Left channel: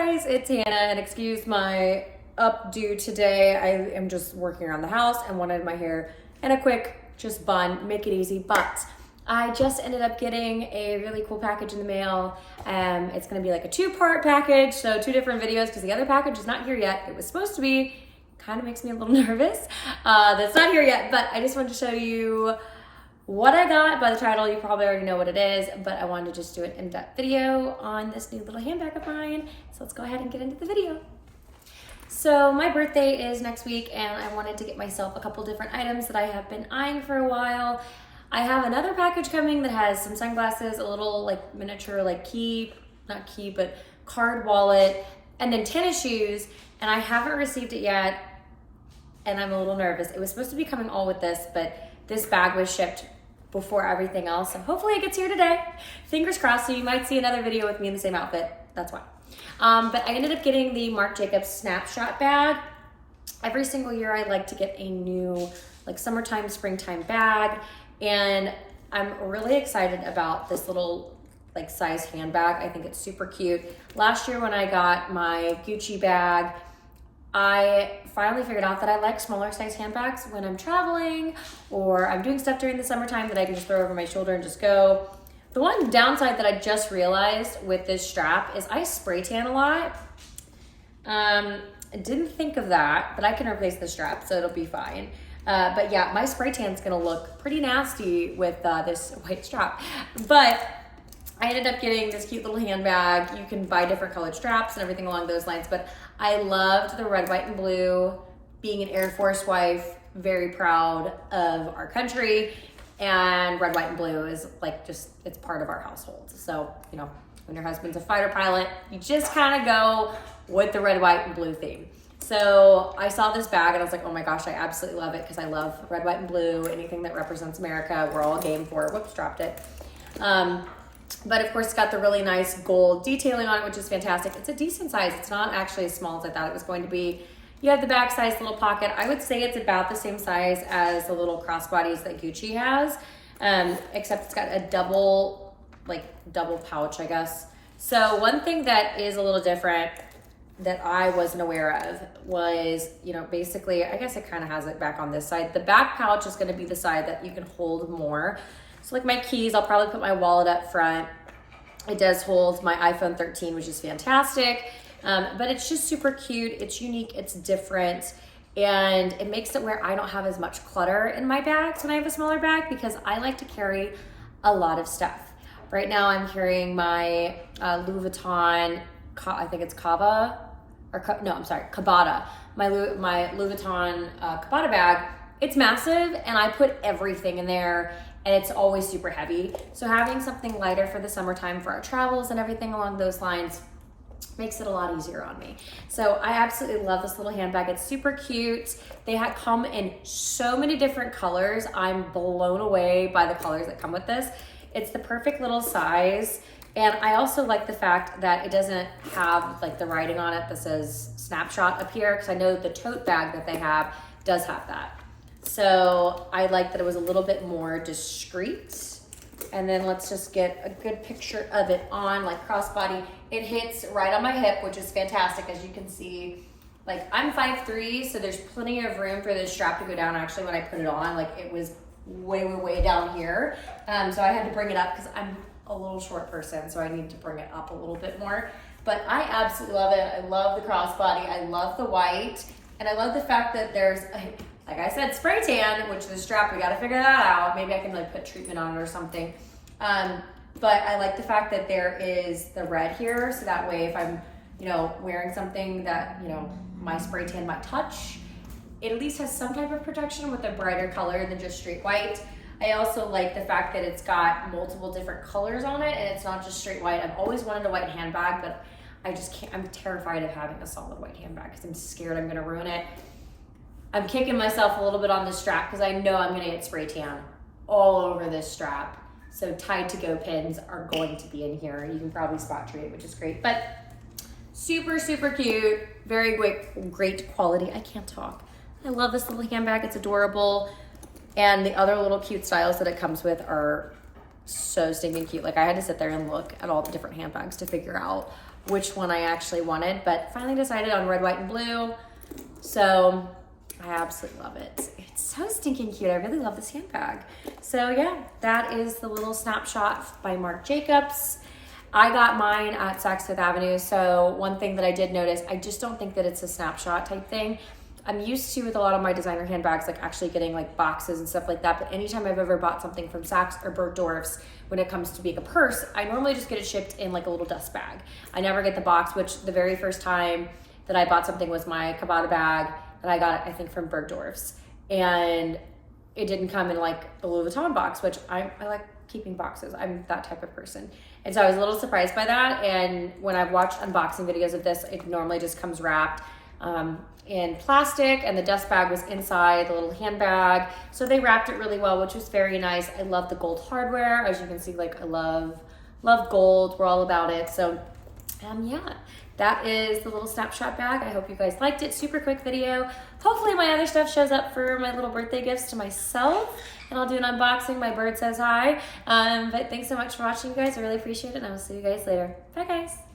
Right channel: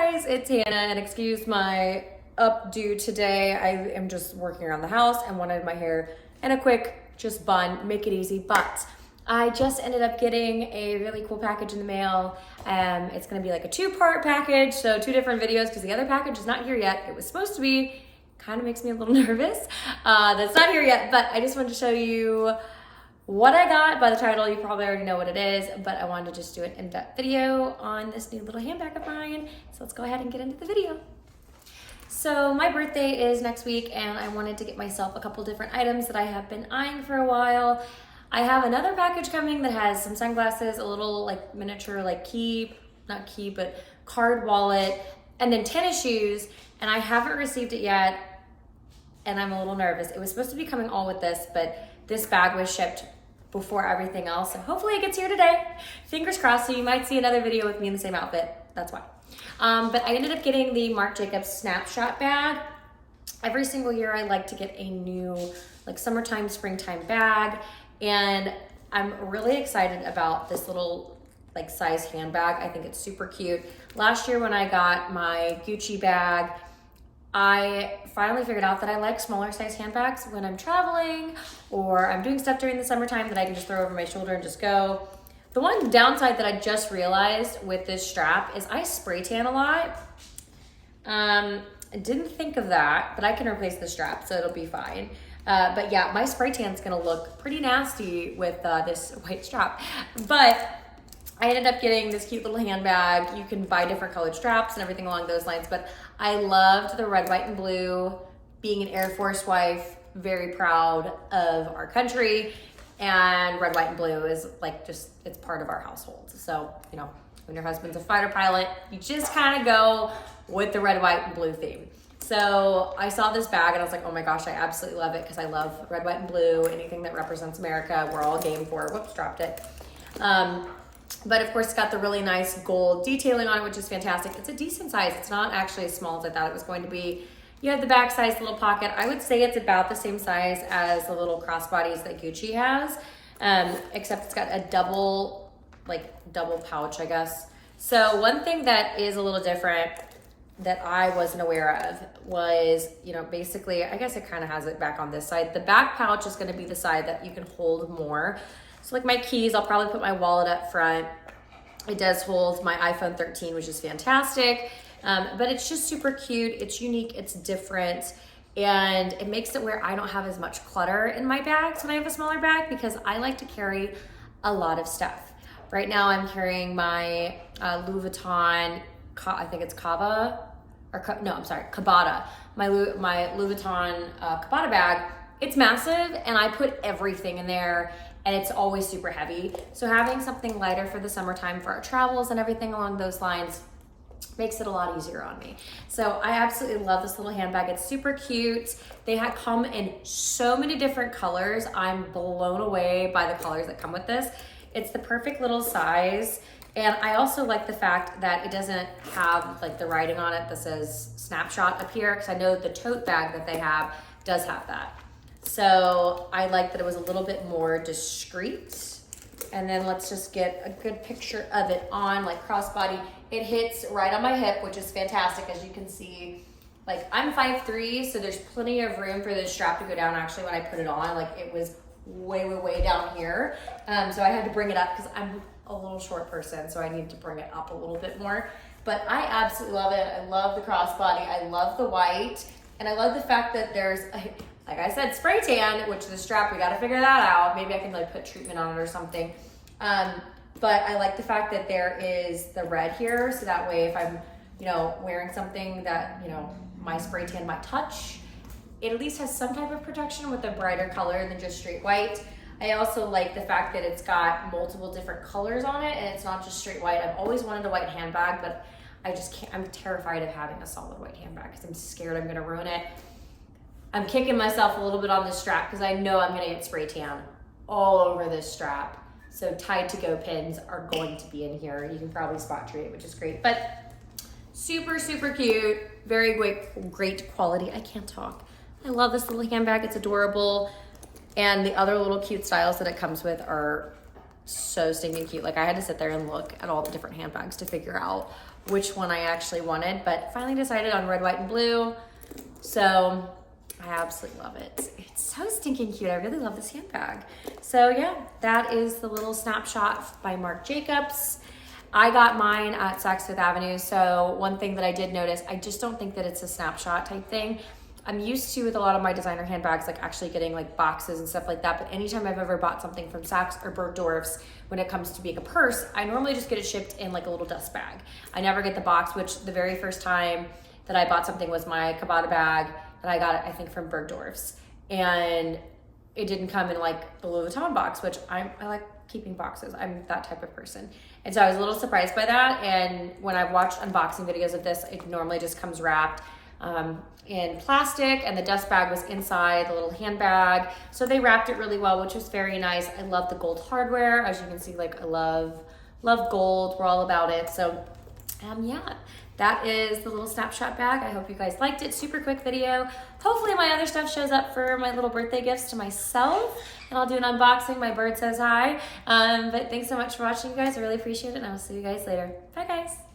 guys, it's Hannah, and excuse my updo today. I am just working around the house and wanted my hair in a quick just bun, make it easy, but I just ended up getting a really cool package in the mail. It's gonna be like a 2-part package, so 2 different videos because the other package is not here yet. It was supposed to be, kind of makes me a little nervous. That's not here yet, but I just wanted to show you what I got. By the title, you probably already know what it is, but I wanted to just do an in-depth video on this new little handbag of mine. So let's go ahead and get into the video. So my birthday is next week, and I wanted to get myself a couple different items that I have been eyeing for a while. I have another package coming that has some sunglasses, a little like miniature like but card wallet, and then tennis shoes, and I haven't received it yet, and I'm a little nervous. It was supposed to be coming all with this, but this bag was shipped before everything else, so hopefully it gets here today. Fingers crossed, so you might see another video with me in the same outfit. That's why. But I ended up getting the Marc Snapshot bag. Every single year I like to get a new like summertime, springtime bag, and I'm really excited about this little like size handbag. I think it's super cute. Last year when I got my Gucci bag, I finally figured out that I like smaller size handbags when I'm traveling or I'm doing stuff during the summertime that I can just throw over my shoulder and just go. The one downside that I just realized with this strap is I spray tan a lot. I didn't think of that, but I can replace the strap, so it'll be fine. But yeah, my spray tan's gonna look pretty nasty with this white strap. But I ended up getting this cute little handbag. You can buy different colored straps and everything along those lines, but I loved the red, white, and blue. Being an Air Force wife, very proud of our country, and red, white, and blue is like just, it's part of our household. So, you know, when your husband's a fighter pilot, you just kind of go with the red, white, and blue theme. So I saw this bag and I was like, oh my gosh, I absolutely love it because I love red, white, and blue. Anything that represents America, we're all game for. Whoops, dropped it. But of course, it's got the really nice gold detailing on it, which is fantastic. It's a decent size. It's not actually as small as I thought it was going to be. You have the back size little pocket. I would say it's about the same size as the little crossbodies that Gucci has, except it's got a double pouch, I guess. So one thing that is a little different that I wasn't aware of was, you know, basically, I guess it kind of has it back on this side. The back pouch is gonna be the side that you can hold more. So like my keys, I'll probably put my wallet up front. It does hold my iPhone 13, which is fantastic. But it's just super cute. It's unique, it's different. And it makes it where I don't have as much clutter in my bags when I have a smaller bag because I like to carry a lot of stuff. Right now I'm carrying my Louis Vuitton, I think it's Cabata. My Louis Vuitton Cabata bag. It's massive and I put everything in there and it's always super heavy. So having something lighter for the summertime for our travels and everything along those lines makes it a lot easier on me. So I absolutely love this little handbag. It's super cute. They come in so many different colors. I'm blown away by the colors that come with this. It's the perfect little size. And I also like the fact that it doesn't have like the writing on it that says Snapshot up here, because I know the tote bag that they have does have that. So I like that it was a little bit more discreet. And then let's just get a good picture of it on, like crossbody. It hits right on my hip, which is fantastic. As you can see, like I'm 5'3", so there's plenty of room for this strap to go down. Actually, when I put it on, like it was way down here. So I had to bring it up because I'm a little short person, so I need to bring it up a little bit more. But I absolutely love it. I love the crossbody. I love the white. And I love the fact that there's, like I said, spray tan, which the strap, we got to figure that out. Maybe I can like put treatment on it or something. But I like the fact that there is the red here. So that way if I'm, you know, wearing something that, you know, my spray tan might touch, it at least has some type of protection with a brighter color than just straight white. I also like the fact that it's got multiple different colors on it and it's not just straight white. I've always wanted a white handbag, but I just can't, I'm terrified of having a solid white handbag because I'm scared I'm gonna ruin it. I'm kicking myself a little bit on this strap because I know I'm gonna get spray tan all over this strap. So tied to go pins are going to be in here. You can probably spot treat it, which is great. But super cute, very great quality. I can't talk. I love this little handbag, it's adorable. And the other little cute styles that it comes with are so stinking cute. Like I had to sit there and look at all the different handbags to figure out which one I actually wanted, but finally decided on red, white, and blue. So I absolutely love it. It's so stinking cute. I really love this handbag. So yeah, that is the little Snapshot by Marc Jacobs. I got mine at Saks Fifth Avenue. So one thing that I did notice, I just don't think that it's a Snapshot type thing. I'm used to with a lot of my designer handbags, like actually getting like boxes and stuff like that. But anytime I've ever bought something from Saks or Bergdorf's, when it comes to being a purse, I normally just get it shipped in like a little dust bag. I never get the box, which the very first time that I bought something was my Cabana bag that I got, I think, from Bergdorf's. And it didn't come in like the Louis Vuitton box, which I like keeping boxes. I'm that type of person. And so I was a little surprised by that. And when I've watched unboxing videos of this, it normally just comes wrapped in plastic, and the dust bag was inside the little handbag. So they wrapped it really well, which was very nice. I love the gold hardware. As you can see, like I love gold. We're all about it. So yeah, that is the little Snapshot bag. I hope you guys liked it. Super quick video. Hopefully my other stuff shows up for my little birthday gifts to myself, and I'll do an unboxing. My bird says hi. But thanks so much for watching, you guys. I really appreciate it, and I will see you guys later. Bye, guys.